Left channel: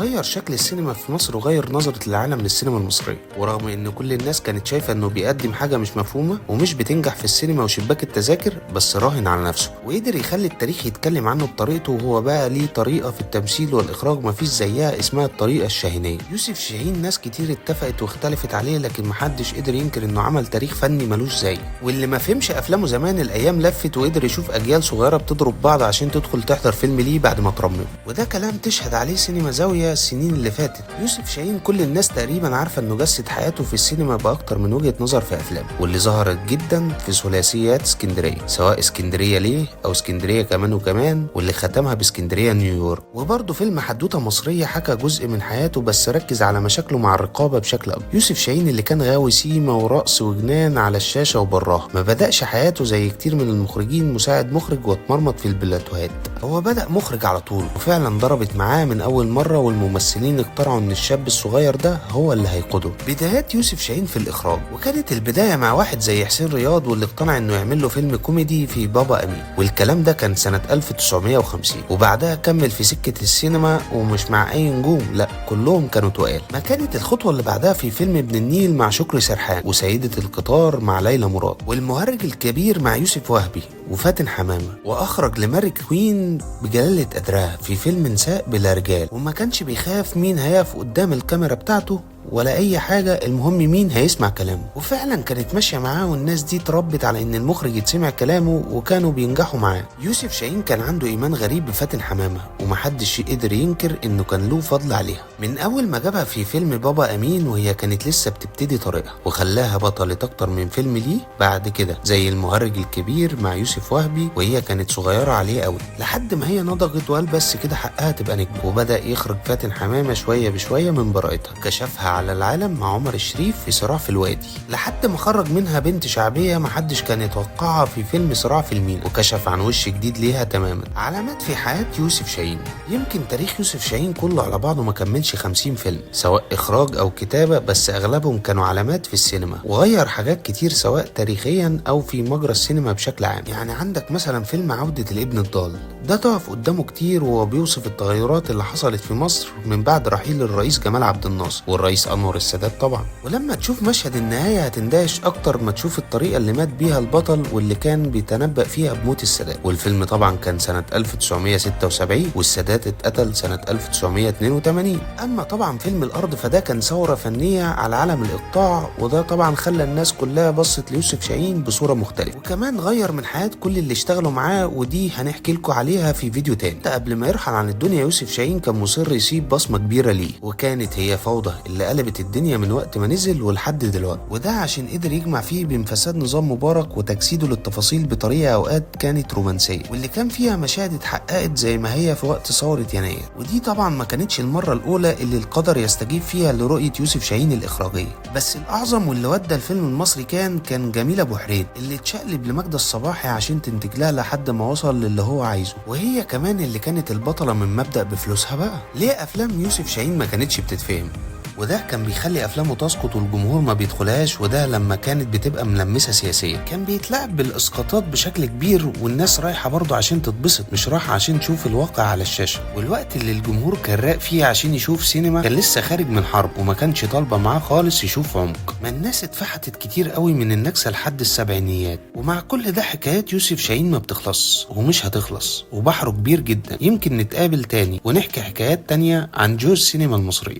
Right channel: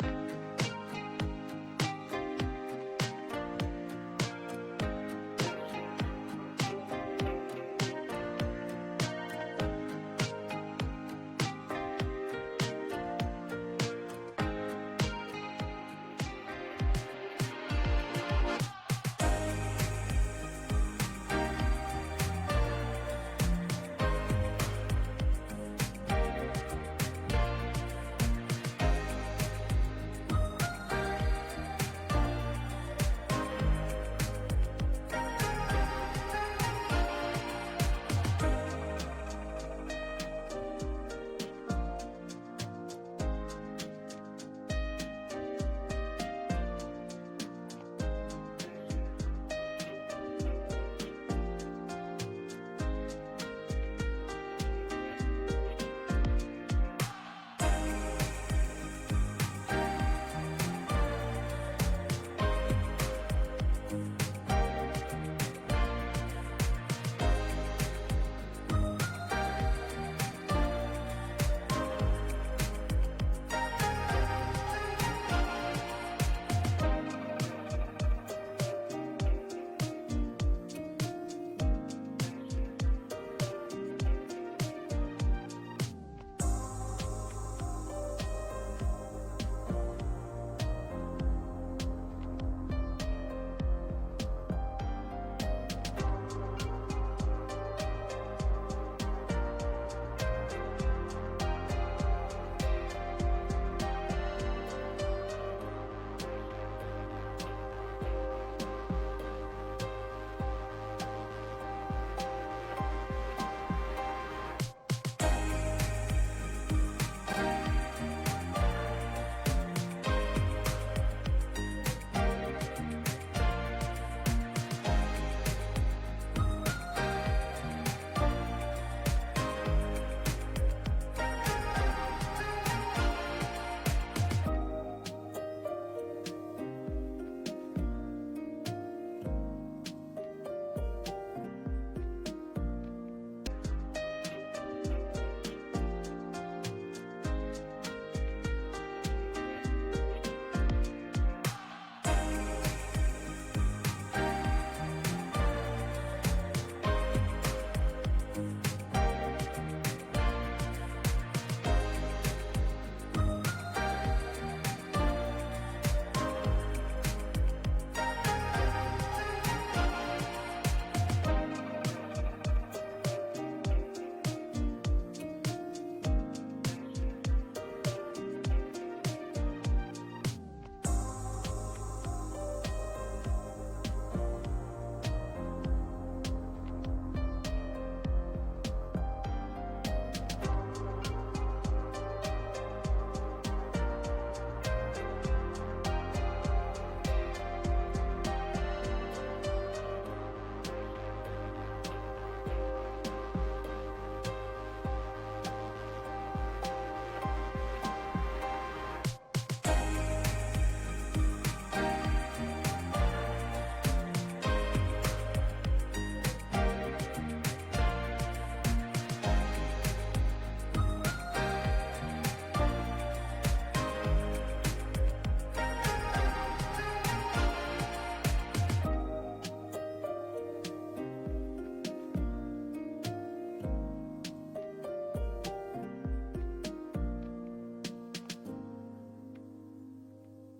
غير شكل السينما في مصر وغير نظرة العالم للسينما المصرية، ورغم ان كل الناس كانت شايفة انه بيقدم حاجة مش مفهومة ومش بتنجح في السينما وشباك التذاكر، بس راهن على نفسه وقدر يخلي التاريخ يتكلم عنه بطريقته. وهو بقى ليه طريقة في التمثيل والإخراج مفيش زيها، اسمها الطريقة الشاهينية. يوسف شاهين ناس كتير اتفقت واختلفت عليه، لكن محدش قدر ينكر انه عمل تاريخ فني ملوش زي. واللي ما فهمش افلامه زمان الايام لفت وقدر يشوف اجيال صغيرة بتضرب بعض عشان تدخل تحضر فيلم ليه بعد ما ترمم. وده كلام تشهد عليه سينما زاوية السنين اللي فاتت. يوسف شاهين كل الناس تقريبا عارفة انه جسد حياته في السينما بأكتر من وجهة نظر في افلامه، واللي ظهرت جدا في ثلاثيات اسكندرية، سواء اسكندرية ليه او اسكندرية كمان وكمان، واللي ختمها باسكندرية نيويورك. وبرضه فيلم حدوتة مصرية حكى جزء من حياته بس ركز على مشاكله مع الرقابة بشكل اكبر. يوسف شاهين اللي كان غاوي سيما ورقص وجنان على الشاشة وبراها، ما بدأش حياته زي كتير من المخرجين مساعد مخرج واتمرمط في البلاتوهات. هو بدأ مخرج على طول، وفعلا ضربت معاه من اول مرة، والممثلين اقتنعوا ان الشاب الصغير ده هو اللي هيقوده. بدايات يوسف شاهين في الاخراج، وكانت البداية مع واحد زي حسين رياض، واللي اقتنع انه يعمل له فيلم كوميدي في بابا امين، والكلام ده كان سنة 1950. وبعدها كمل في سكة السينما، ومش مع اي نجوم، لا كلهم كانوا تقال. ما كانت الخطوة اللي بعدها في فيلم ابن النيل مع شكري سرحان، وسيدة القطار مع ليلى مراد، والمهرج الكبير مع يوسف وهبي وفاتن حمامة، واخرج لماري كوين بجلالة قدرها في فيلم نساء بلا رجال. وما كانش بيخاف مين هيقف قدام الكاميرا بتاعته ولا اي حاجة، المهم مين هيسمع كلامه. وفعلا كانت ماشية معاه، والناس دي اتربت على ان المخرج يتسمع كلامه، وكانوا بينجحوا معاه. يوسف شاهين كان عنده ايمان غريب بفاتن حمامة، ومحدش قدر ينكر انه كان له فضل عليها من اول ما جابها في فيلم بابا امين وهي كانت لسه بتبتدي طريقها، وخلاها بطلة اكتر من فيلم ليه بعد كده، زي المهرج الكبير مع يوسف وهبي وهي كانت صغيرة عليه قوي، لحد ما هي نضجت وقال بس كده حقها تبقى نجم. وبدأ يخرج فاتن حمامة شوية بشوية من براءتها، كشفها على العالم مع عمر الشريف في صراع في الوادي، لحد ما خرج منها بنت شعبية محدش كان يتوقعها في فيلم صراع في المينا، وكشف عن وش جديد ليها تماما. علامات في حياة يوسف شاهين. يمكن تاريخ يوسف شاهين كله على بعضه ما كملش 50 فيلم، سواء إخراج أو كتابة، بس أغلبهم كانوا علامات في السينما، وغير حاجات كتير سواء تاريخيا أو في مجرى السينما بشكل عام. يعني عندك مثلا فيلم عودة الابن الضال، ده تقف قدامه كتير وهو بيوصف التغيرات اللي حصلت في مصر من بعد رحيل الرئيس جمال عبد الناصر والرئيس أنور السادات طبعا. ولما تشوف مشهد النهاية هتندهش أكتر ما تشوف الطريقة اللي مات بيها البطل، واللي كان بيتنبأ فيها بموت السادات. والفيلم طبعا كان سنة 1976، والسادات اتقتل سنة 1982. أما طبعا فيلم الأرض فده كان ثورة فنية على عالم الإقطاع، وده طبعا خلى الناس كلها بصت ليوسف شاهين بصورة مختلفة، وكمان غير من حياة كل اللي اشتغلوا معاه، ودي هنحكي لكم عليها في فيديو تاني. قبل ما يرحل عن الدنيا يوسف شاهين كان مصر يسيب بصمة كبيرة ليه، وكانت هي فوضى اللي قلبت الدنيا من وقت ما نزل ولحد دلوقتي، وده عشان قدر يجمع فيه بين فساد نظام مبارك وتجسيده للتفاصيل بطريقة اوقات كانت رومانسية، واللي كان فيها مشاهد اتحققت زي ما هي في وقت ثورة يناير. ودي طبعا ما كانتش المرة الأولى اللي القدر يستجيب فيها لرؤية يوسف شاهين الإخراجية، بس الأعظم واللي ودى الفيلم المصري كان جميلة أبو حريد، اللي اتشقلب لماجدة الصباحي عشان تنتج لها لحد ما وصل للي هو عايزه، وهي كمان اللي كانت البطلة من مبدأ بفلوسها بقى. ليه أفلام يوسف شاهين ما كانتش بتتفهم؟ وده كان بيخلي افلامه تسقط والجمهور ما بيدخلهاش، وده لما كانت بتبقى ملمسه سياسيا. كان بيتلعب بالاسقاطات بشكل كبير، والناس رايحه برضه عشان تتبسط، مش رايحه عشان تشوف الواقع على الشاشه. والوقت اللي الجمهور كان راق فيه عشان يشوف سينما كان لسه خارج من حرب، وما كانش طالبه معاه خالص يشوف عمق. ما الناس اتفحتت كتير قوي من النكسه لحد السبعينيات. ومع كل ده حكايات يوسف شاهين ما بتخلص ومش هتخلص، وبحره كبير جدا. يمكن نتقابل تاني ونحكي حكايات تانية عن جوز السينما المصريه.